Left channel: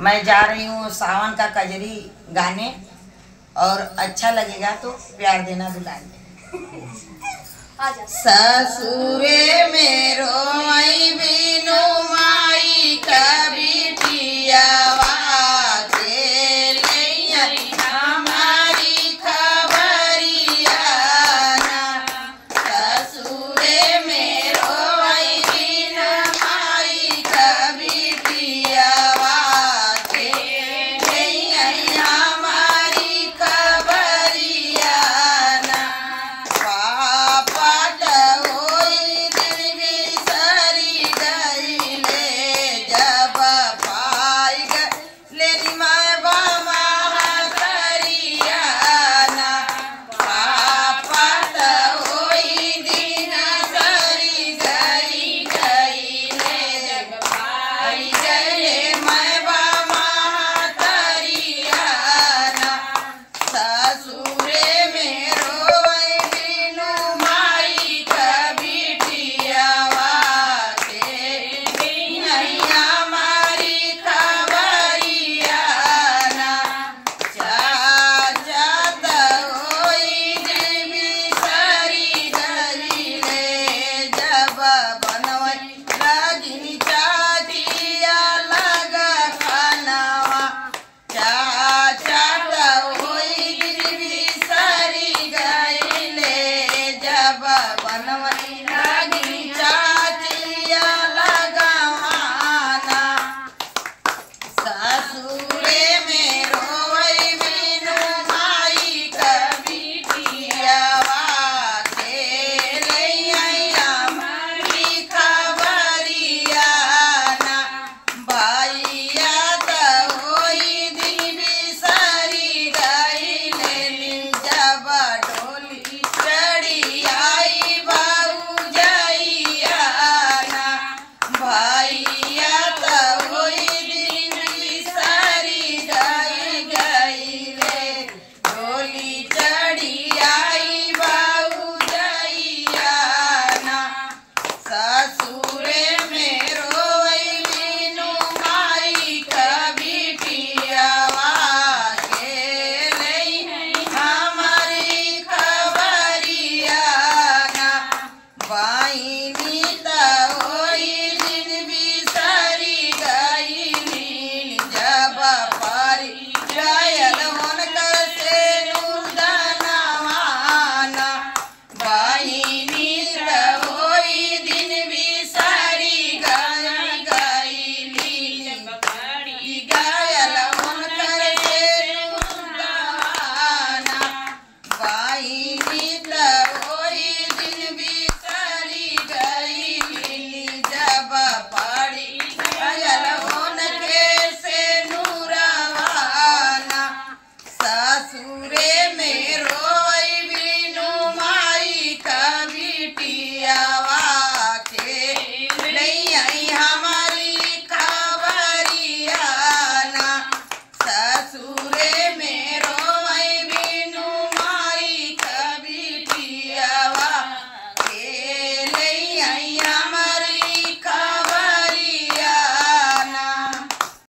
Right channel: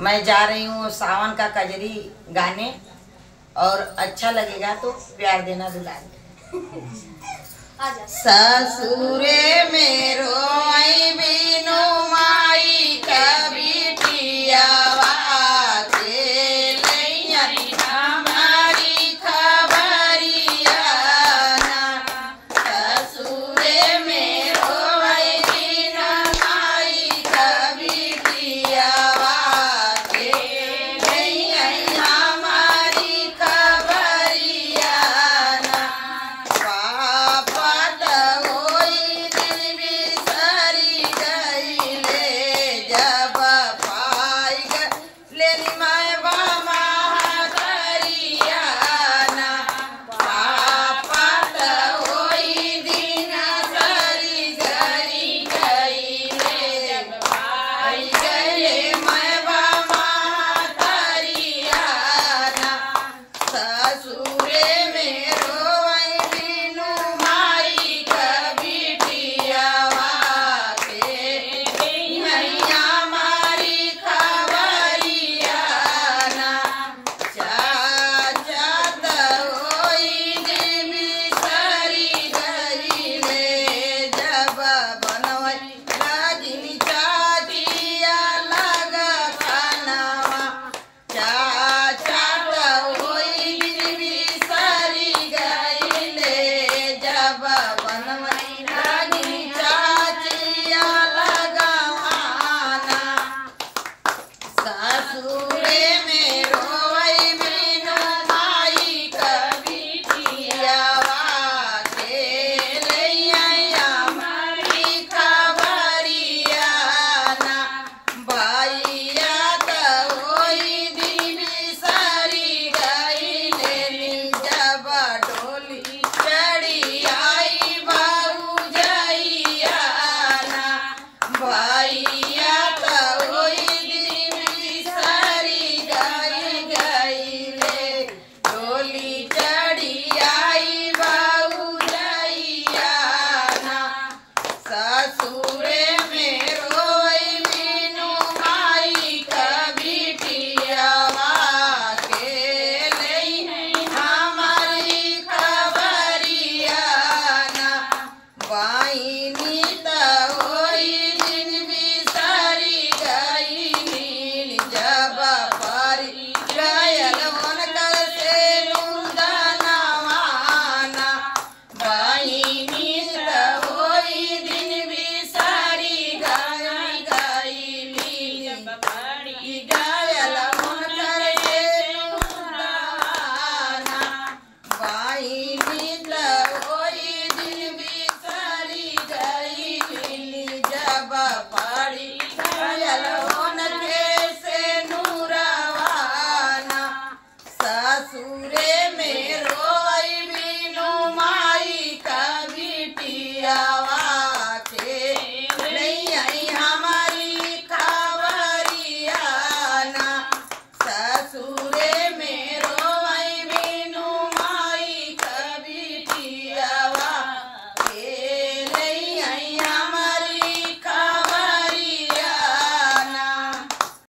मैं जा रही हूँ सावन का कजरी गाने, और अच्छा लगेगा तो प्यार देना दुलाने। ससुरे मेरो आई बिनु माई कभी टियावा के लैया हमारी खबरिया ना। ससुरे मेरो आई बिनु माई कभी टियावा के लैया हमारी खबरिया ना। पापा होई दिन बिसरी गईले, जब पाई गईले मैं बामा हसरिया ना। पापा होई दिन सरी सरी गईले, जब पाई गईले मैं बामा हसरिया ना। ससुरे मेरो आई बिनु माई कभी टियावा के नैया मारी खबरिया ना। चाचा होई दिन बिसरी गईले, जब बनवई लगिन चाचिया लग खानवा। चाचा होई दिन बिसरी गईले, जब बनवई लगिन चाचिया लग खाना। ससुरे मेरो आई बिनु माई कभी टियावा के लैया हमारी खबरिया ना। भैया होई दिन बिसरी गईले, जब डोली चढ़ी आई भौजैया ना। भैया होई दिन बिसरी गईले, डोली चढ़ी आई भौजैया ना। ससुरे मेरो आई बिनु माई कभी टियावा के लैया हमारी खबरिया ना। बाईनी होई दिन बिसरी गईली, जब परी गयल हुनकर से नूदनवा ना। बाईनी होई दिन बिसरी गईली, जब परी